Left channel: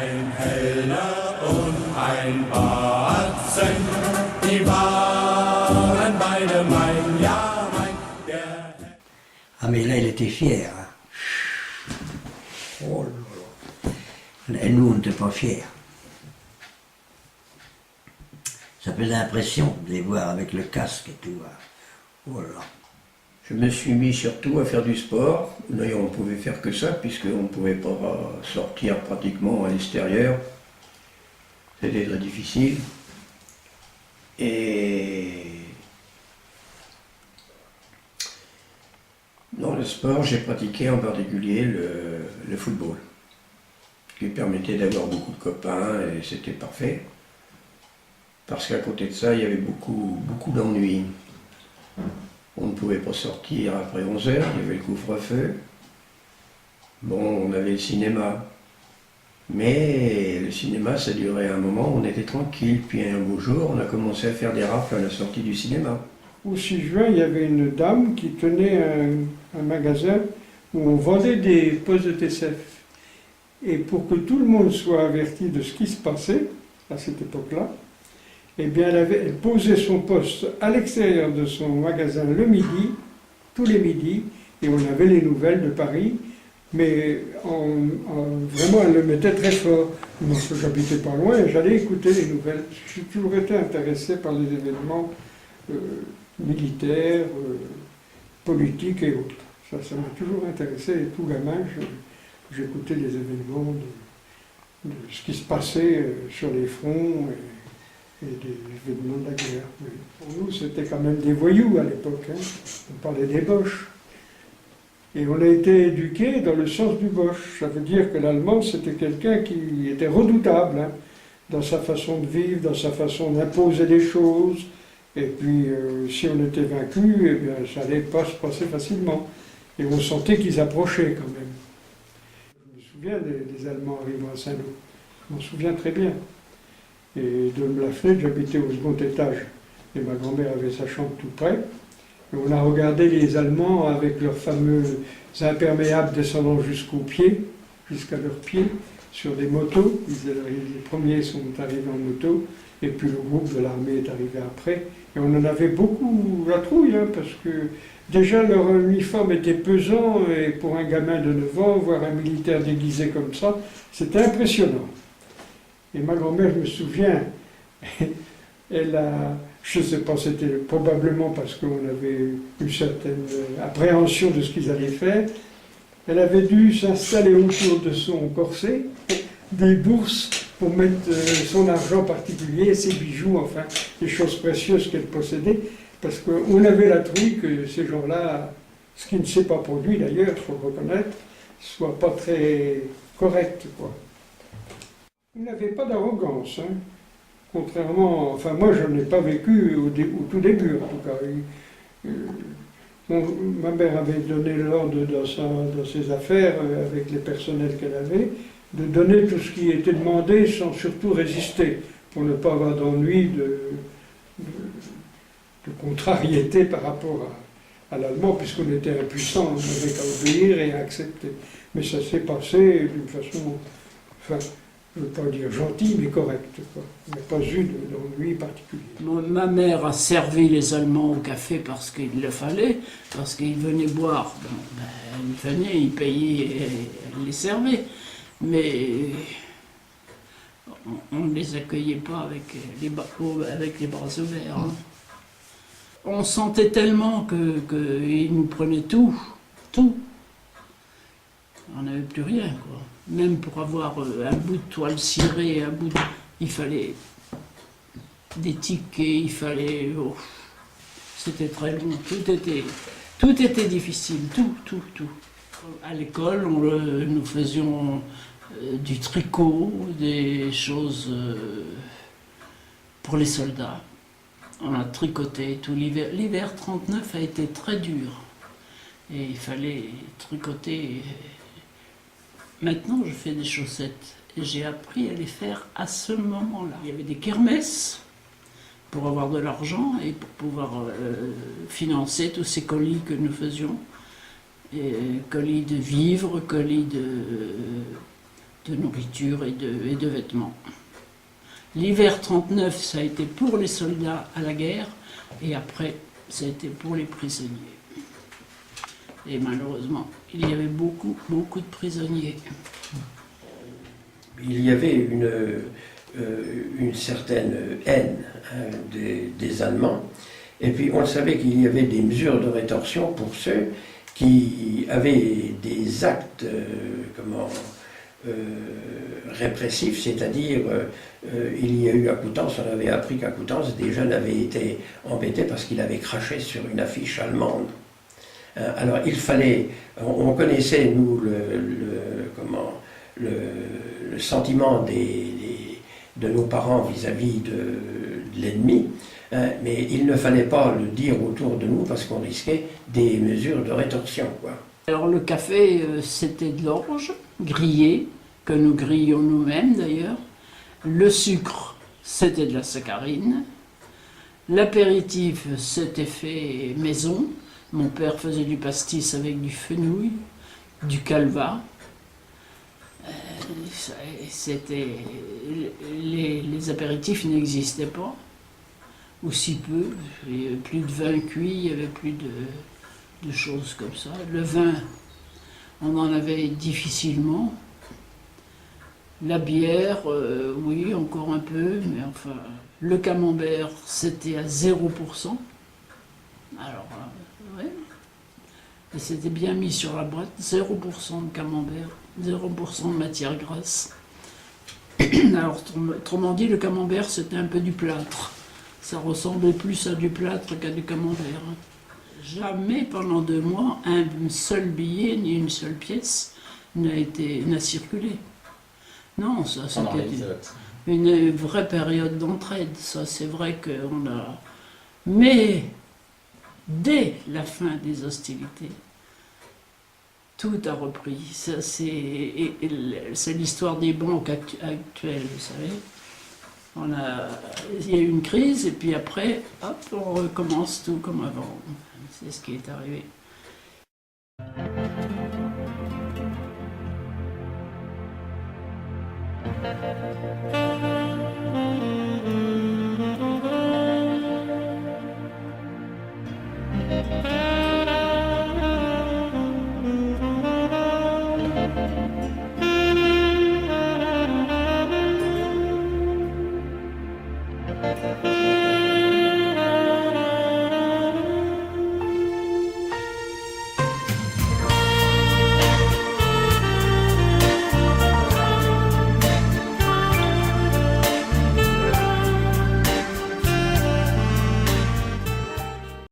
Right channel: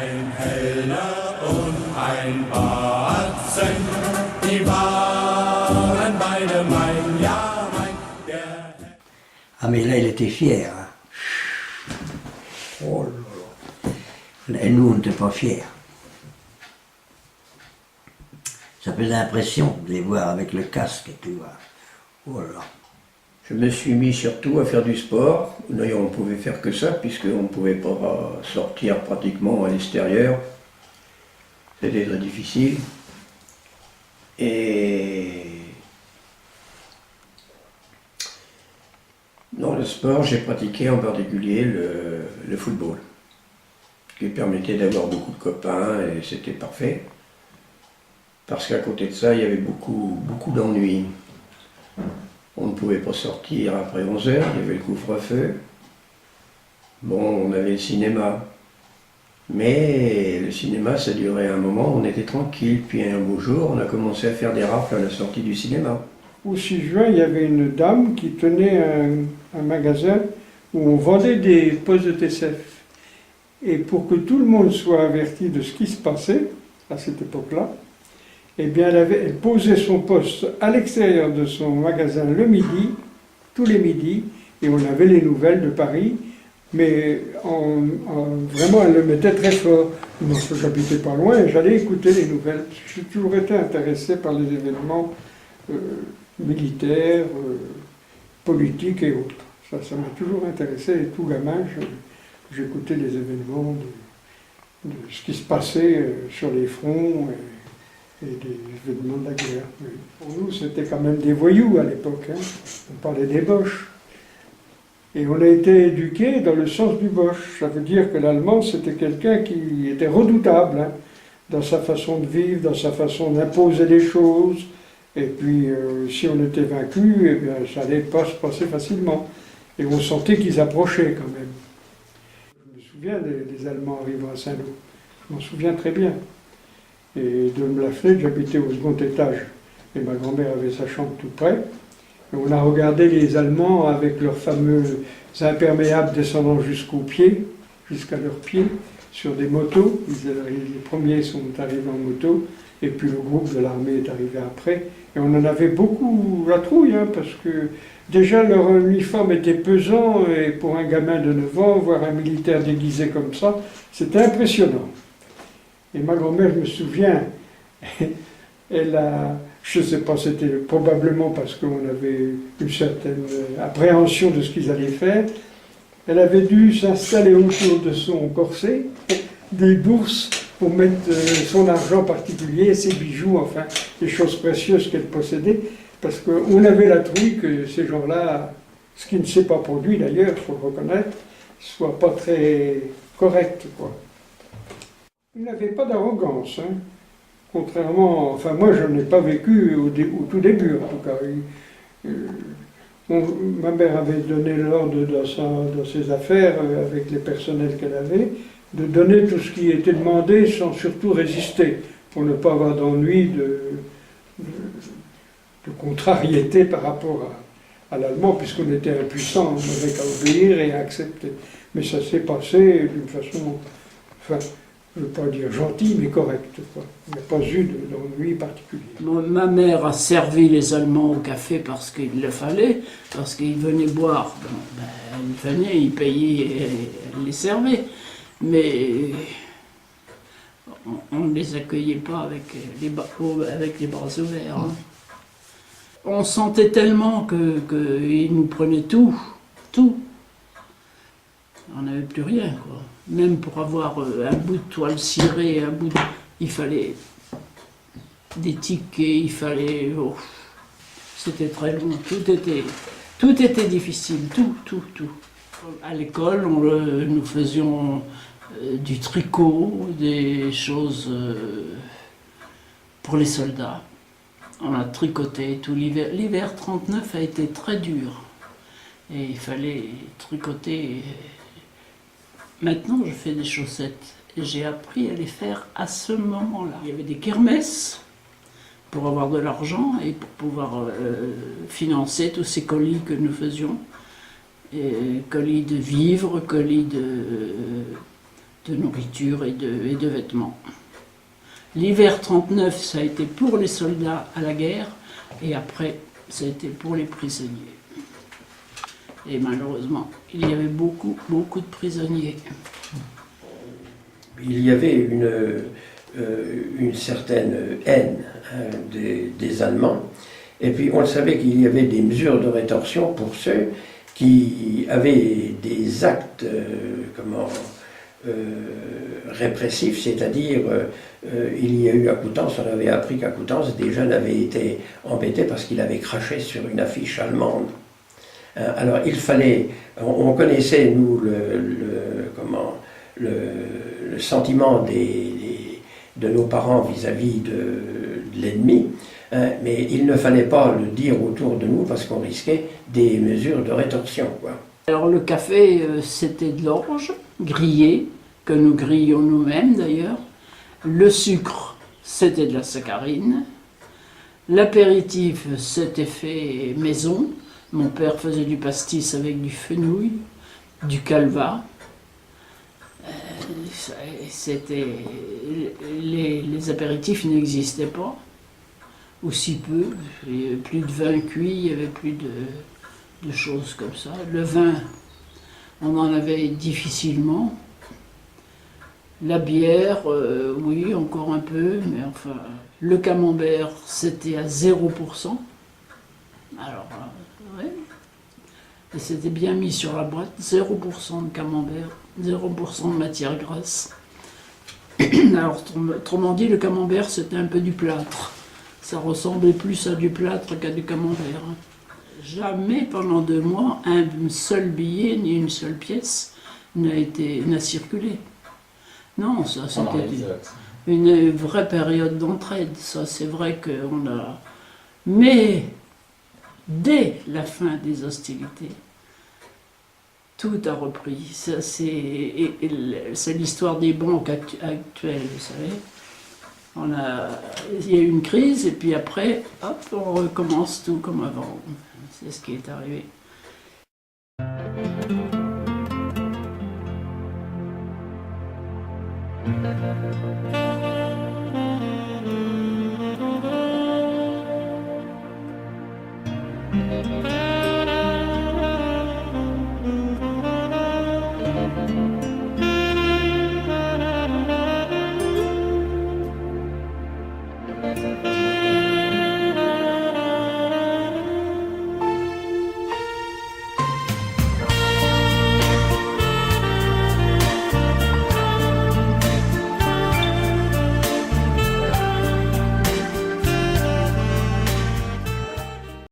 Ein Heller und ein Batzen, die waren beide mein, ja mein, der... Ah mais là il était fier. Hein. Oh là là. Et nous on n'était pas fiers. Ça faisait l'impression de les voir avec le casque et tout. Oh là là. Je me suis mis surtout à faire du sport. D'ailleurs, on ne pouvait faire que ça, puisqu'on ne pouvait pas sortir pratiquement à l'extérieur. C'était très difficile. Et dans le sport, j'ai pratiqué en particulier le football, qui permettait d'avoir beaucoup de copains, et c'était parfait. Parce qu'à côté de ça, il y avait beaucoup d'ennuis. On ne pouvait pas sortir après 11 heures, il y avait le couvre-feu. Bon, on avait le cinéma. Mais le cinéma, ça durait un moment, on était tranquille. Puis un beau jour, on a commencé à faire des rafles à la sortie du cinéma. Au 6 juin, il y avait une dame qui tenait un magasin où on vendait des postes de TCF. Et pour que tout le monde soit averti de ce qui se passait, à cette époque-là, eh bien, elle posait son poste à l'extérieur de son magasin le midi, tous les midis, et on avait les nouvelles de Paris, mais vraiment, elle le mettait très fort. Moi, j'habitais pas loin et j'allais écouter les nouvelles. J'ai toujours été intéressé par les événements militaires, politiques et autres. Ça m'a toujours intéressé, et tout gamin, j'écoutais les événements de ce qui se passait sur les fronts, et des événements de la guerre. Oui. Pour nous, c'était quand même des voyous à l'époque. Hein. On parlait des boches. Et on a été éduqués dans le sens du boche. Ça veut dire que l'allemand, c'était quelqu'un qui était redoutable, hein, dans sa façon de vivre, dans sa façon d'imposer des choses. Et puis, si on était vaincu, eh bien, ça n'allait pas se passer facilement. Et on sentait qu'ils approchaient quand même. Je me souviens des Allemands arrivant à Saint-Lô. Je m'en souviens très bien. Et de la fenêtre, j'habitais au second étage. Et ma grand-mère avait sa chambre tout près. Et on a regardé les Allemands avec leurs fameux imperméables descendant jusqu'aux pieds, jusqu'à leurs pieds, sur des motos. Les premiers sont arrivés en moto, et puis le groupe de l'armée est arrivé après. Et on en avait beaucoup la trouille, hein, parce que déjà leur uniforme était pesant, et pour un gamin de 9 ans, voir un militaire déguisé comme ça, c'était impressionnant. Et ma grand-mère, je me souviens, elle a, je ne sais pas, c'était probablement parce qu'on avait une certaine appréhension de ce qu'ils allaient faire, elle avait dû s'installer autour de son corset des bourses pour mettre son argent particulier, ses bijoux, enfin, les choses précieuses qu'elle possédait, parce qu'on avait la trouille que ces gens-là, ce qui ne s'est pas produit d'ailleurs, il faut le reconnaître, soit pas très correct, quoi. Il n'avait pas d'arrogance, hein. Contrairement, enfin moi je n'ai pas vécu au tout début en tout cas. Ma mère avait donné l'ordre dans ses affaires, avec les personnels qu'elle avait, de donner tout ce qui était demandé sans surtout résister, pour ne pas avoir d'ennui, de contrariété par rapport à l'allemand, puisqu'on était impuissant, on n'avait qu'à obéir et à accepter. Mais ça s'est passé d'une façon, enfin, je ne veux pas dire gentil, mais correct, quoi. Il n'y a pas eu d'ennui particulier. Ma mère a servi les Allemands au café parce qu'il le fallait, parce qu'ils venaient boire. Bon, ben, ils venaient, ils payaient et elle les servait. Mais on ne les accueillait pas avec les bras ouverts. Hein. On sentait tellement qu'ils nous prenaient tout. On n'avait plus rien, quoi. Même pour avoir un bout de toile cirée, il fallait des tickets, il fallait... Oh, c'était très long, tout était difficile, tout. À l'école, nous faisions du tricot, des choses pour les soldats. On a tricoté tout l'hiver. L'hiver 39 a été très dur. Et il fallait tricoter. Maintenant, je fais des chaussettes. Et j'ai appris à les faire à ce moment-là. Il y avait des kermesses pour avoir de l'argent et pour pouvoir financer tous ces colis que nous faisions. Et colis de vivres, colis de nourriture et de vêtements. L'hiver 39, ça a été pour les soldats à la guerre, et après, ça a été pour les prisonniers. Et malheureusement, il y avait beaucoup de prisonniers. Il y avait une certaine haine des Allemands. Et puis on savait qu'il y avait des mesures de rétorsion pour ceux qui avaient des actes répressifs, c'est-à-dire il y a eu à Coutances, on avait appris qu'à Coutances, des jeunes avaient été embêtés parce qu'ils avaient craché sur une affiche allemande. Alors il fallait, on connaissait nous le sentiment de nos parents vis-à-vis de l'ennemi, mais il ne fallait pas le dire autour de nous parce qu'on risquait des mesures de rétorsion, quoi. Alors le café, c'était de l'orge grillé, que nous grillions nous-mêmes d'ailleurs. Le sucre, c'était de la saccharine. L'apéritif, c'était fait maison. Mon père faisait du pastis avec du fenouil, du calva. Les apéritifs n'existaient pas, ou si peu. Il n'y avait plus de vin cuit, il n'y avait plus de choses comme ça. Le vin, on en avait difficilement. La bière, oui, encore un peu, mais enfin, le camembert, c'était à 0%. Alors, ouais. Et c'était bien mis sur la boîte, 0% de camembert, 0% de matière grasse. Alors, autrement dit, le camembert, c'était un peu du plâtre. Ça ressemblait plus à du plâtre qu'à du camembert. Jamais pendant 2 mois, un seul billet ni une seule pièce n'a circulé. Non, ça c'était une vraie période d'entraide. Ça, c'est vrai qu'on a... Mais dès la fin des hostilités, tout a repris. C'est l'histoire des banques actuelles, vous savez. Il y a eu une crise et puis après, hop, on recommence tout comme avant. C'est ce qui est arrivé.